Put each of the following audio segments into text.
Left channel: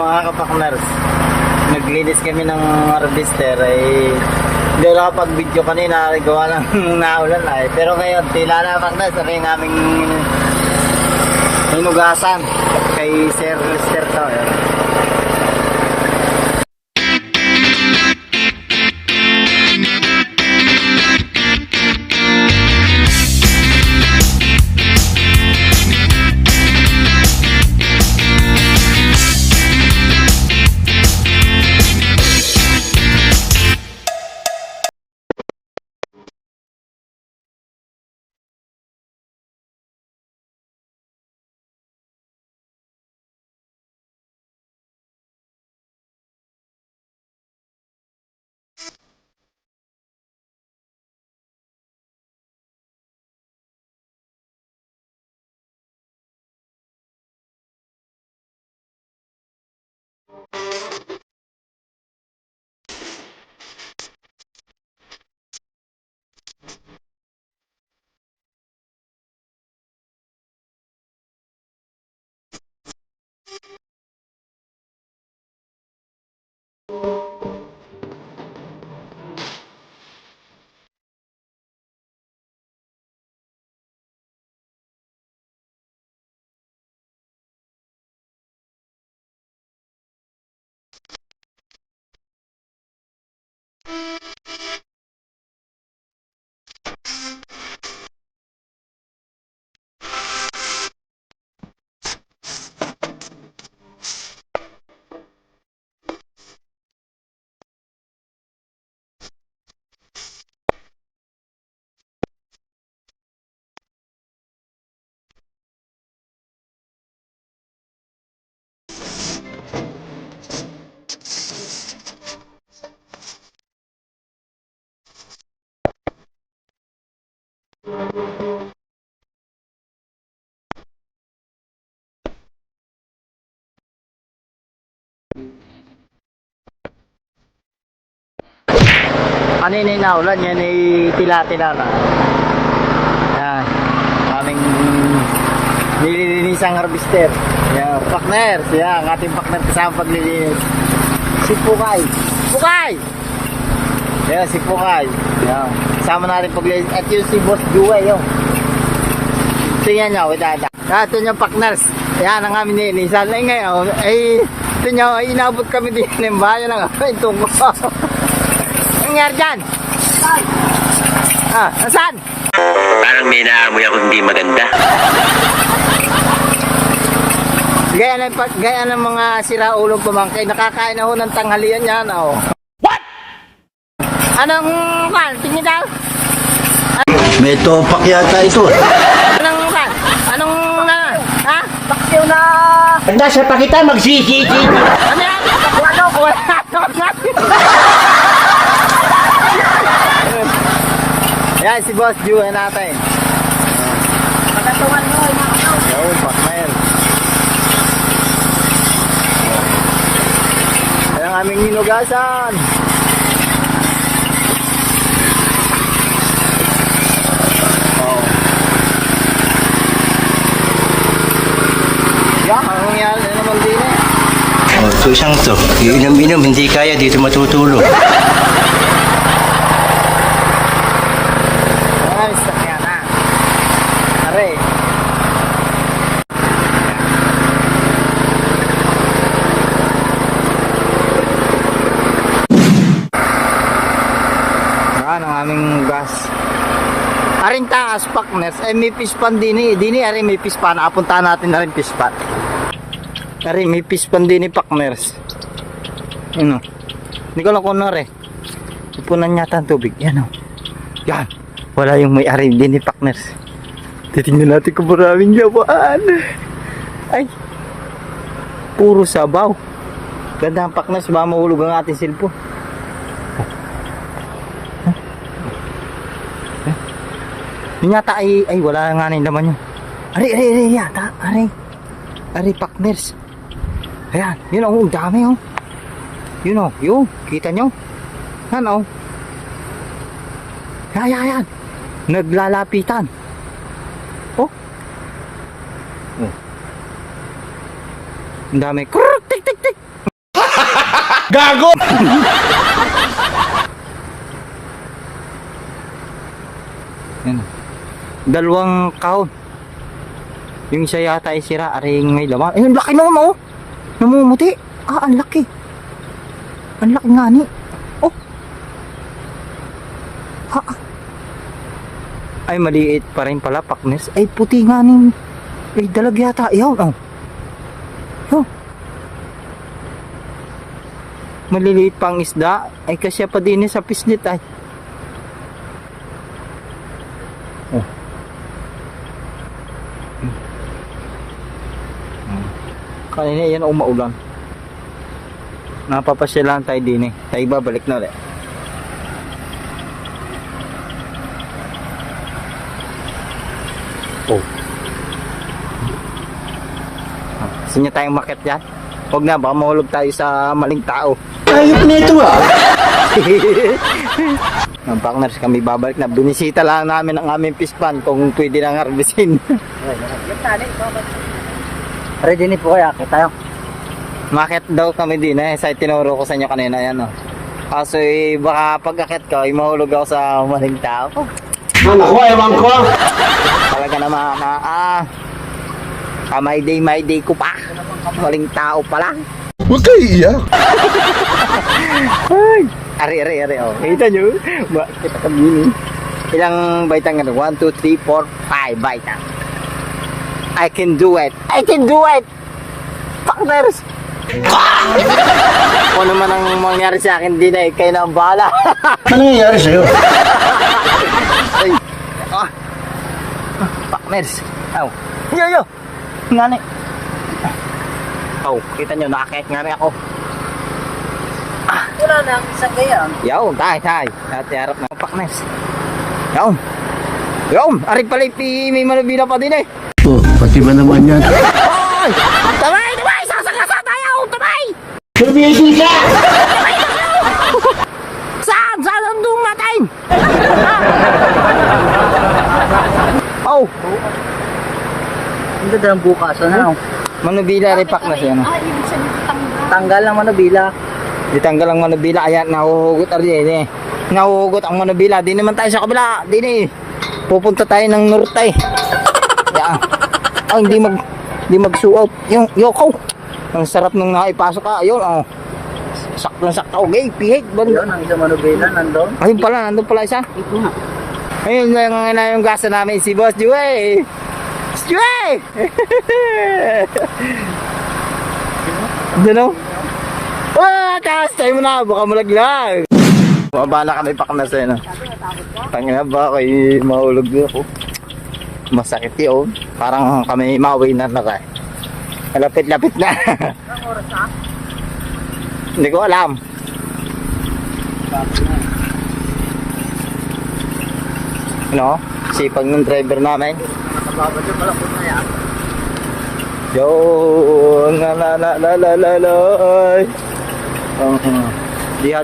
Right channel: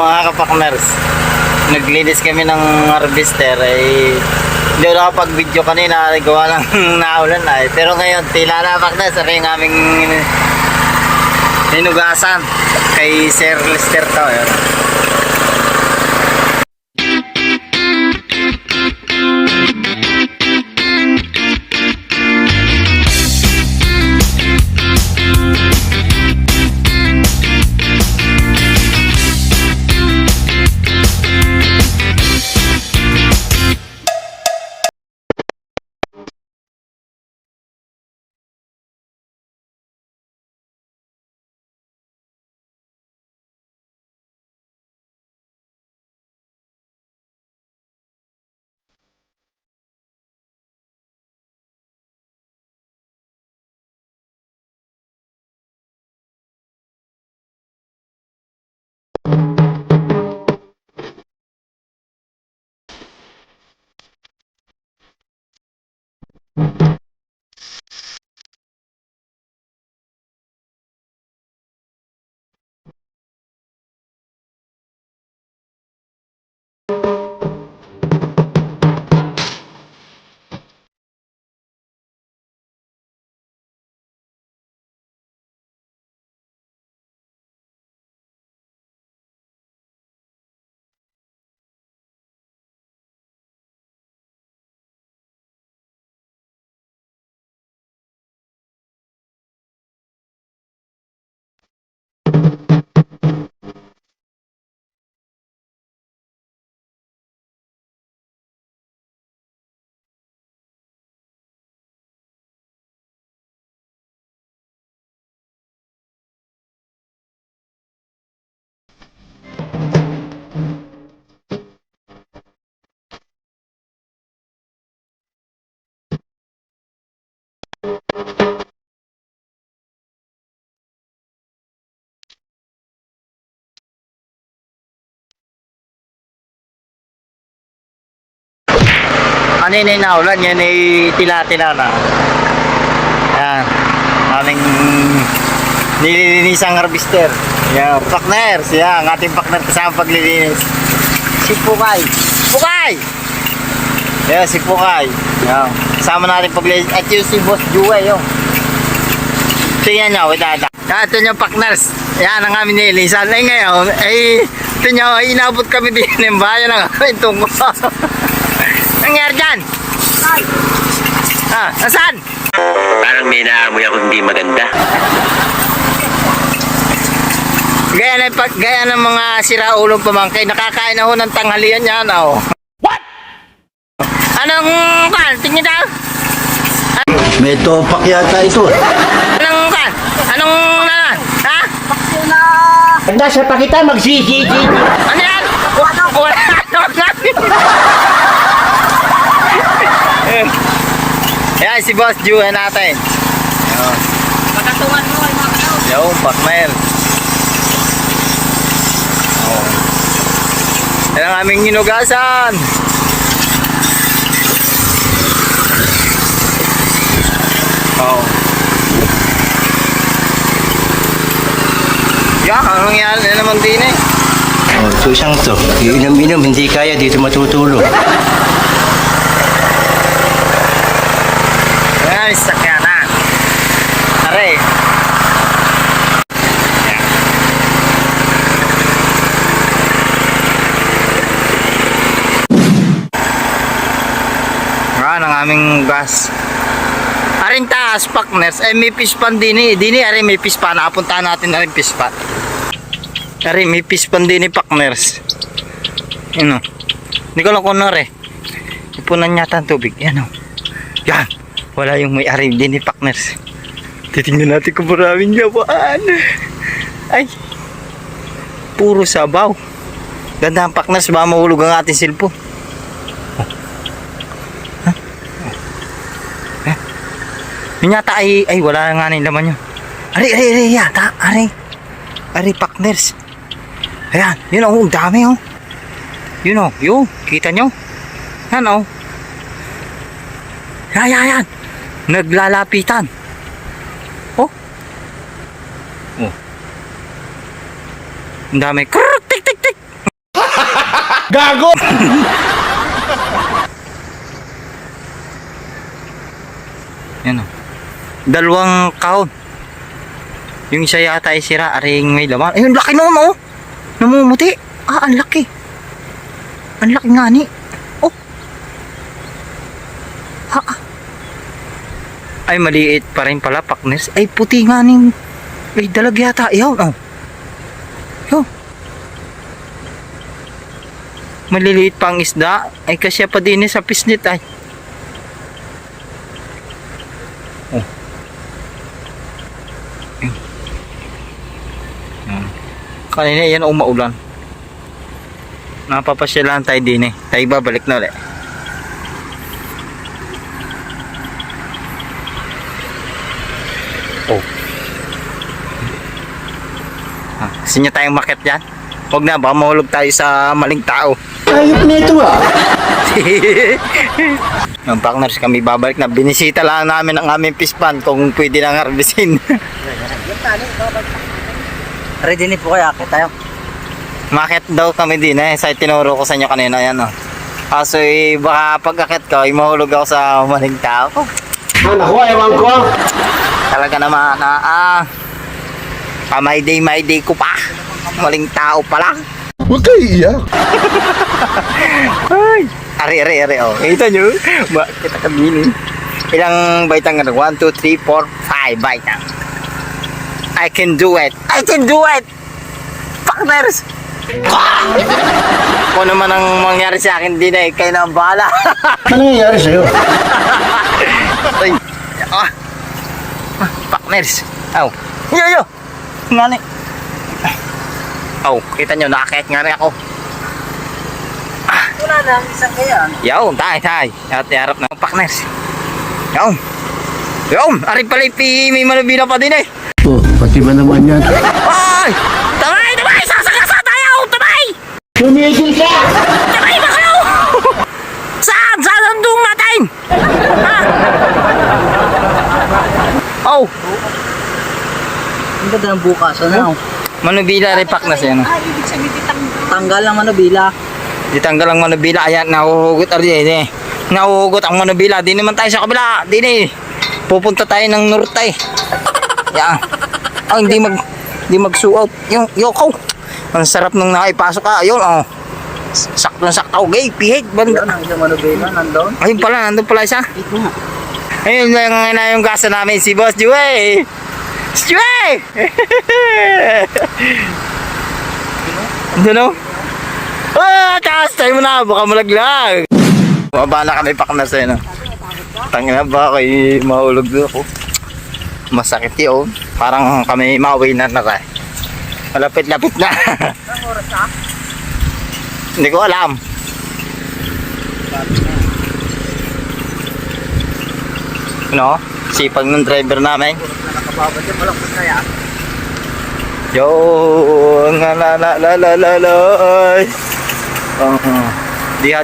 mga kapakners, naglinis kami ng harvester ay hindi ako nakapag-video kanina, gawa lang naulan na eh. Pero ngayon, tila na pakners, ano yung aming hinugasan kay Sir Lester to. Yun. Ano yun yung naulan? Yan ay tila-tila na. Yan. Aming nililinisang harvester. Yan. Partners. Yan. Ang ating partner kasama paglilinis. Si Pukay. Pukay! Yan. Si Pukay. Yan. Kasama natin paglilinis. At yung si Boss Jue. Yung. Tingnan nyo. Yan. Ito yung partners. Yan ang aming nililisan. Ay ngayon. Ay ito nyo. Ay inabot kami din ng bayan ng aming tungkol. Nangyari dyan? Ah, nasaan? Parang may naamoy ako hindi maganda. Gaya ng mga siraulong pamangkay, nakakain na ho ng tanghalian yan, oh. What? Anong kan? Tingin daw? May topak yata ito. Anong kan? Anong ha? Bakyo na! Handa sa pakita, magsisi. Ano yan? Wala. Yan si Boss Jue natin. Pagkatungan mo. Yo, partner. Yan ang aming hinugasan. Oh. Yan, anong nangyari na naman din eh. Oh, so isang to. Iinom-inom, hindi kaya dito matutulog. Ay, sakya na. Are. Yan. Yan ang aming gas. Aring taas, partners. Ay, may pispan din eh. Dini, aring may pispan. Napuntahan natin na rin pispan. Aring may pispan din eh, partners. Yan o. Hindi ko lang kung ano rin. Ipunan yata ang tubig. Yan o. Yan. Wala yung may-ari din ni partners. Titingnan natin kung maraming yabaan. Ay. Puro sabaw. Ganda ang partners. Baka mahulog ang ating cellphone. Oh. Huh? Oh. Yun yata ay wala nga na yung laman nyo. Ari yata. Ari partners. Ayan. Yun o. Ang dami o. Yun o. Yun. Kita nyo. Yan o. Yan. Naglalapitan. Oh. Oh. Ang dami. Krrrr, tik. Gago! Yan o. Dalawang kahon. Yung isa yata ay sira, aring may laman. Ayun, laki naman oh. Namumuti. Ah, ang laki. Ang laki nga ni. Oh. Ha. Ay, maliit pa rin pala, partners. Ay, puti nga ning. Ay, dalag yata. Ayaw, oh. Ayaw. Maliliit pang isda. Ay, kasya pa din sa pisnit ay. Oh. Kanina yan umaulan. Napapasyalan tayo din eh. Tayo babalik na ulit. Oh. Gusto nyo tayong makit dyan? Huwag na, baka mahulog tayo sa maling tao. Ayop nito ah. Yung partners, kami babalik na. Binisita lang namin ang aming pispan kung pwede nang harbisin. Ready ni po kaya akit tayo. Makit daw kami din eh. Sa tinuro ko sa inyo kanina yan oh. Kaso eh, baka pag-akit ko, eh, mahulog ako sa maling tao. Naku, ewan ko. Talaga naman my day ko pa. Maling tao pala. Huwag kayo iiyak. Ay, ari oh. Kita nyo? Kita kabini. Ilang baitang nga? 1, 2, 3, 4, 5 baitang. I can do it. I can do it. Partners. Kung naman ang mangyari sa akin din ay kayo na ang bahala. Ano nangyayari sa'yo? Ay. Partners. Aw. Yo. Nga ni. Oh, kita nyo, nakakit nga rin ako. Wala na ang isang ganyan. Yaw, tay. At harap ng partners. Yaw. Ari pala may manubila pa din eh. Oh, pati ba naman yan? Ay! Tamay! Sasakasa tayo! Tamay! Tumigil ka! Tamay ba kayo? Saan? Saan ang doon natin? Oh! Ang ganda ng bukas. Ano? Manubila rin partners yan. Tanggal ang manubila. Di tanggal ang manubila. Ayan, nahuhugot rin eh. Nahuhugot ang manubila. Di naman tayo sa kabila. Di eh. Pupunta tayo ng norte. Yan. Oh, hindi magsuot. Yung yoko. Ang sarap nung naipasok ka. Ayun, oh. Sakto. Okay, pihit. Banda. Ang isang manubila nandun. Ayun pala, nandun pala isa. Ayun na yung gasa namin, si Boss Joey. Joey! Diyan o? Taas tayo mo na, baka malaglag. Mababa na kami partners eh, no? Tangina ba, kayo mahulog doon ako. Masakit yun. Parang kami mauwi na rin. Malapit-lapit na. Hindi ko alam. Ano? Sipag ng driver namin. Yo, nga la. Diha.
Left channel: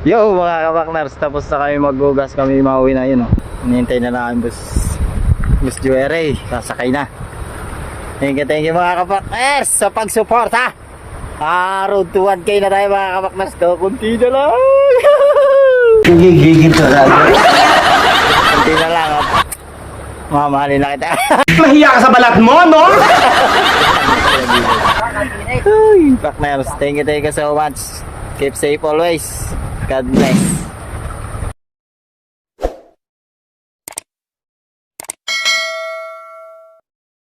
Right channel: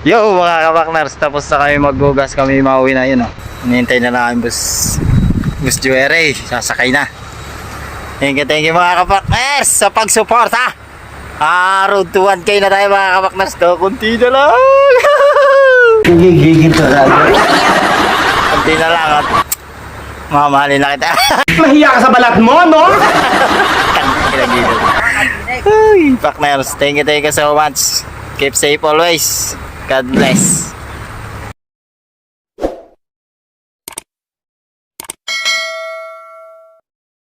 Yo mga kapaknars, tapos na kami magbugas, kami mauwi na yun oh. Hinihintay na lang ang bus Joey, sasakay na. Thank you mga kapaknars sa pagsuporta. Road to 1K na tayo mga kapaknars, to kunti na lang. Gigigil ka na. Kunti na lang at mamahalin na kita. Mahiya ka sa balat mo, no? Ay, Partners, thank you so much. Keep safe always. God bless.